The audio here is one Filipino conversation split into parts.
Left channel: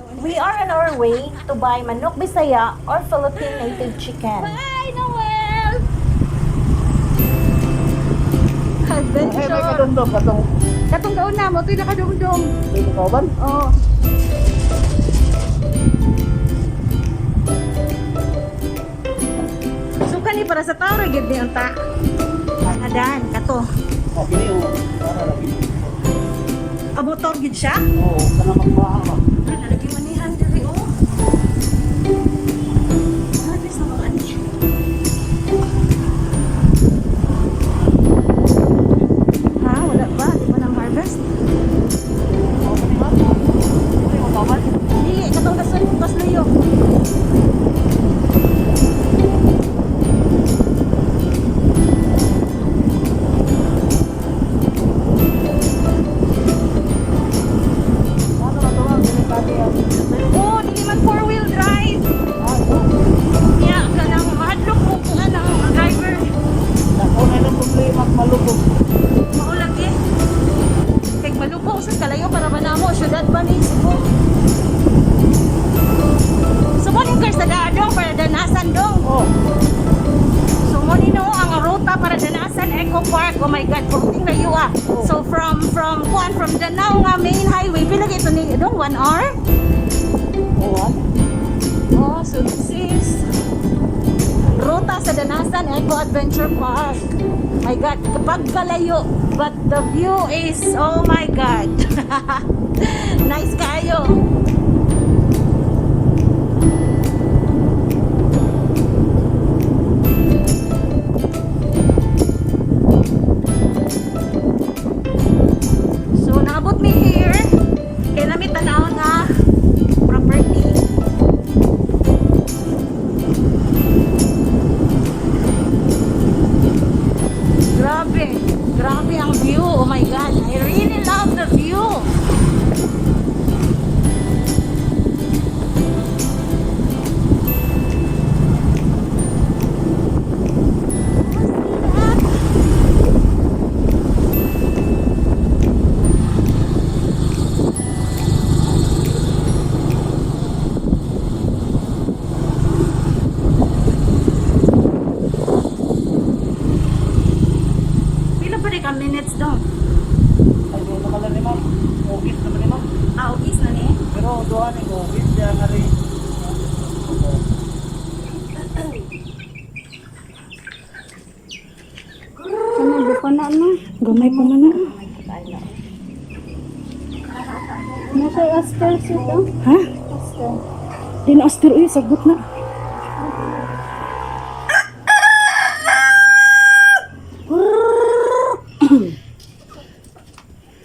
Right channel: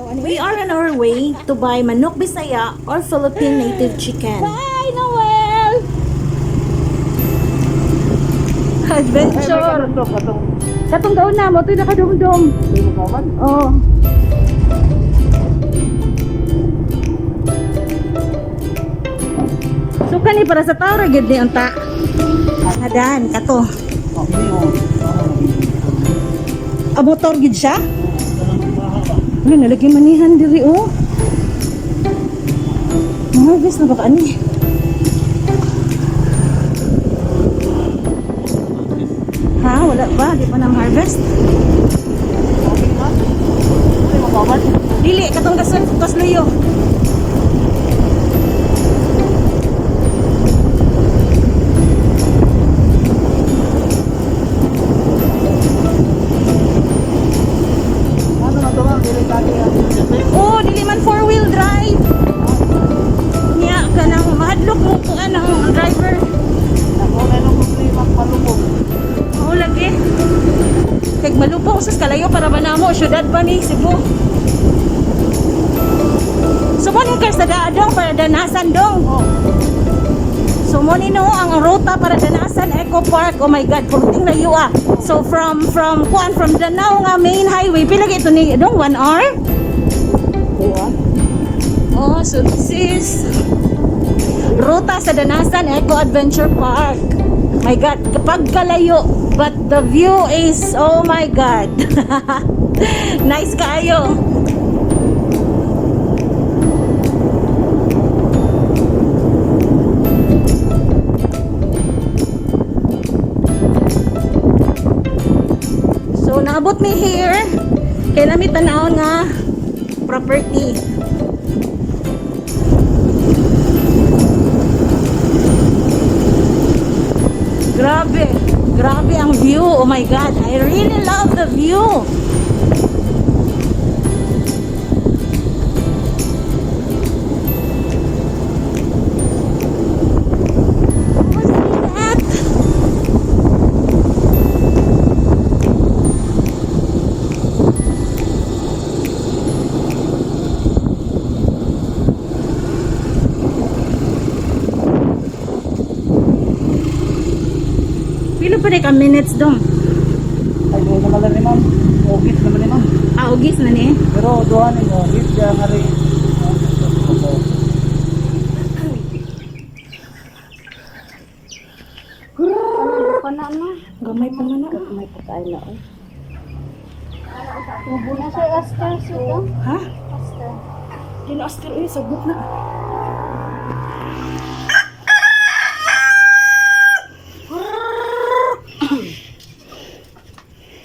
We are on our way to buy Manok Bisaya or Philippine Native Chicken. Bye, Noel! Adventure! May kadumdum katong Katong daon na mo, ito'y nakadumdum. di mo kauban. Oo. Suka ni para sa tao, ragad ni ang ta. Adan, kato. Okay, o. Para lagi motor mo. Motor gid siya? Oo, kana magbaha ba? Ano, nalagay manihan diri oh. Harvest na baka ani. Ha, wala pa, di pa na harvest. Okay na. Di mo kauban. Dili, katong kasluyo. Ano na to lang, dili kaki ang Oh, dili man four-wheel drive. Nya, kanang mahadlok mo kung anong driver. ako na nung mas malubog. Oo, lagi. Kag malubong sus kalayo para manamo, syudad ba ni Cebu? Sumunin ka sa daadong para danasan dong. Sumunin no ang ruta para danasan Eco Park. Oh my God, kunting layo ah. So from Danao nga main highway, pila ito ni dong 1 hour? Oo. Oh, so this is ruta sa Danasan Eco Adventure Park. My God, kapag kalayo, but the view is, oh my God. Nice kaayo. So, naabot mi here. Kaya namin tanawon nga property. Grabe. Grabe ang view. Oh my God. I really love the view. Pila pa rin ka minutes dong? Ay, doon naman lang ni ma'am. Office naman ni ma'am. Ugis na ni. Pero doon ang office, kaya nga rin. Gamay pa man na. Ha? Di na astir uy, sagot na.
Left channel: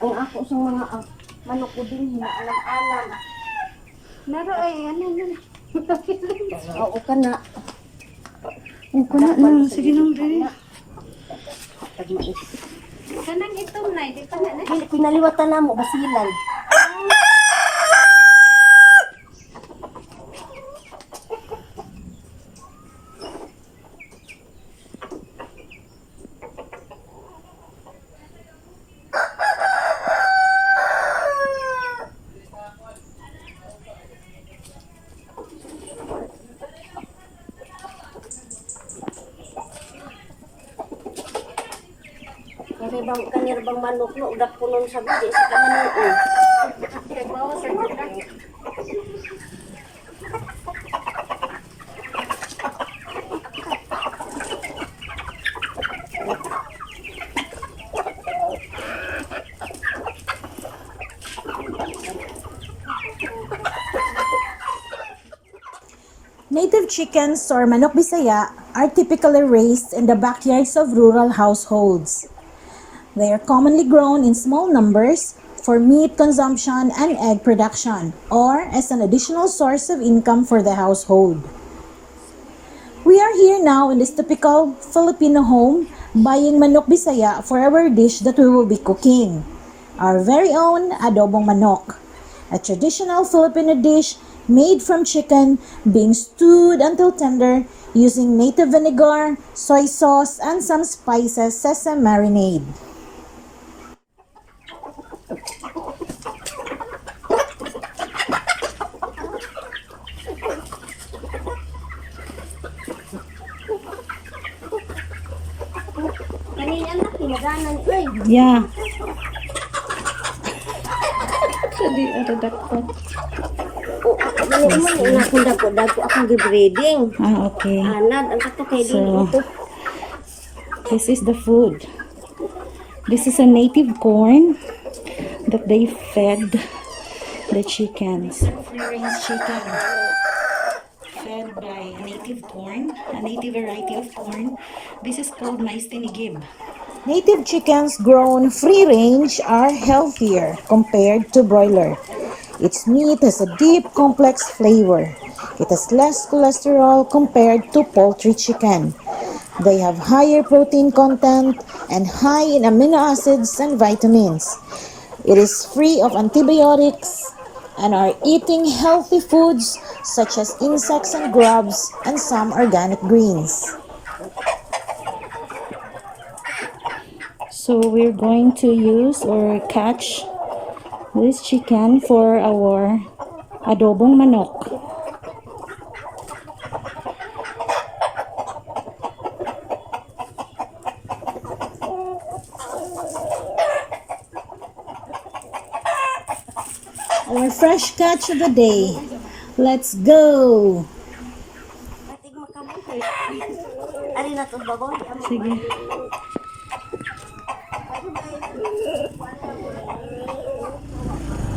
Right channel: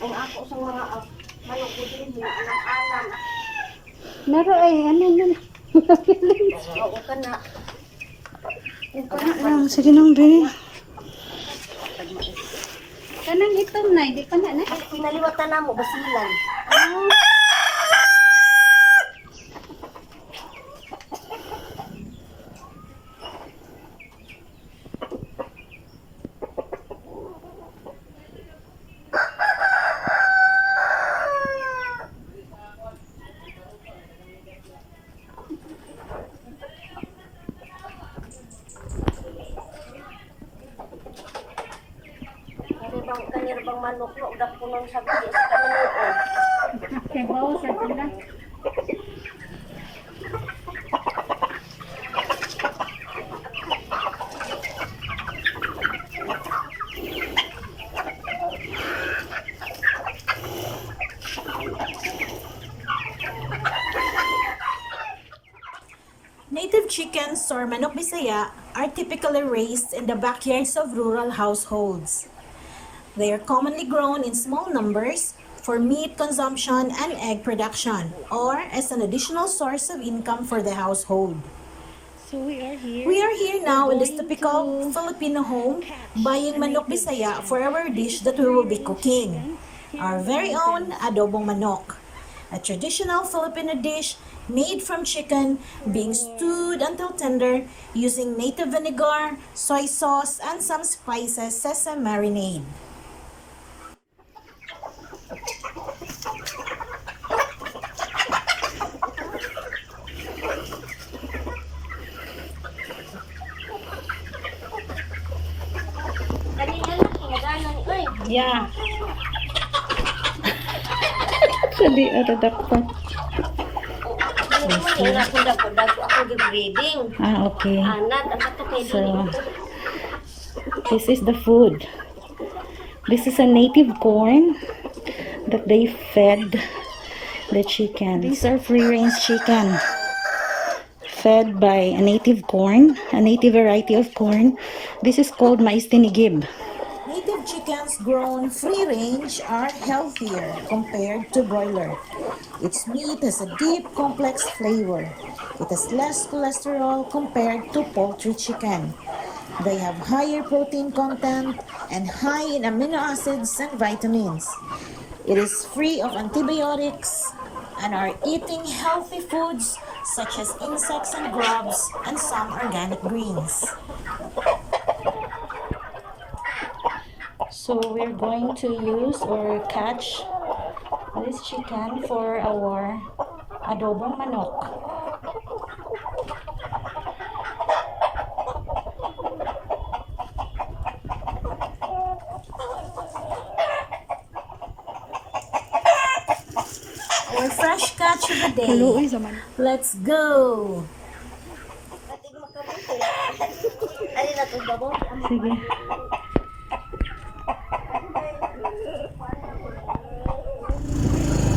Ang ako sa mga manok ko din, alam-alam. Meron ay, ano nun? Oo ka na. Uko na lang. Sige nang be. Kanang ito na, di ka na. Pinaliwatan na mo, basilan. Kanyar bang manok no, udah punong sa bidi, sa kanamuon. Kay bawo sa gina. Native chickens or Manok Bisaya are typically raised in the backyards of rural households. They are commonly grown in small numbers for meat consumption and egg production, or as an additional source of income for the household. So We are here now in this typical Filipino home buying Manok Bisaya for our dish that we will be cooking. Our very own Adobong Manok, a traditional Filipino dish made from chicken being stewed until tender using native vinegar, soy sauce, and some spices sesame marinade. Yeah. Actually, dakpat. Mayroon akong dako akong gibreeding. Ah, okay. Anad, ang katakay din So, ito. this is the food. This is a native corn that they fed the chickens. These are free-range chicken fed by a native corn, a native variety of corn. This is called mais tinigib. Native chickens grown free-range are healthier compared to broiler. Its meat has a deep, complex flavor. It has less cholesterol compared to poultry chicken. They have higher protein content and high in amino acids and vitamins. It is free of antibiotics and are eating healthy foods such as insects and grubs and some organic greens. So we're going to use or catch this chicken for our adobong manok. Our fresh catch of the day. Let's go! Ating makabuti. Ari na to babaw di amo. Sige.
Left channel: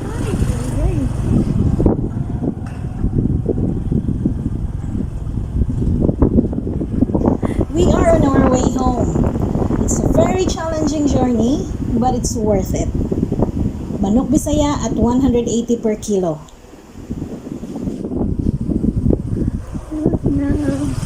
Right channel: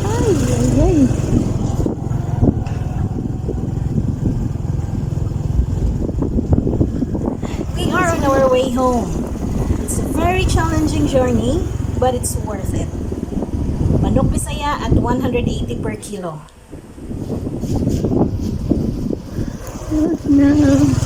Ay, ay, ay. We are on our way home. It's a very challenging journey, but it's worth it. Manok Bisaya at 180 per kilo. No.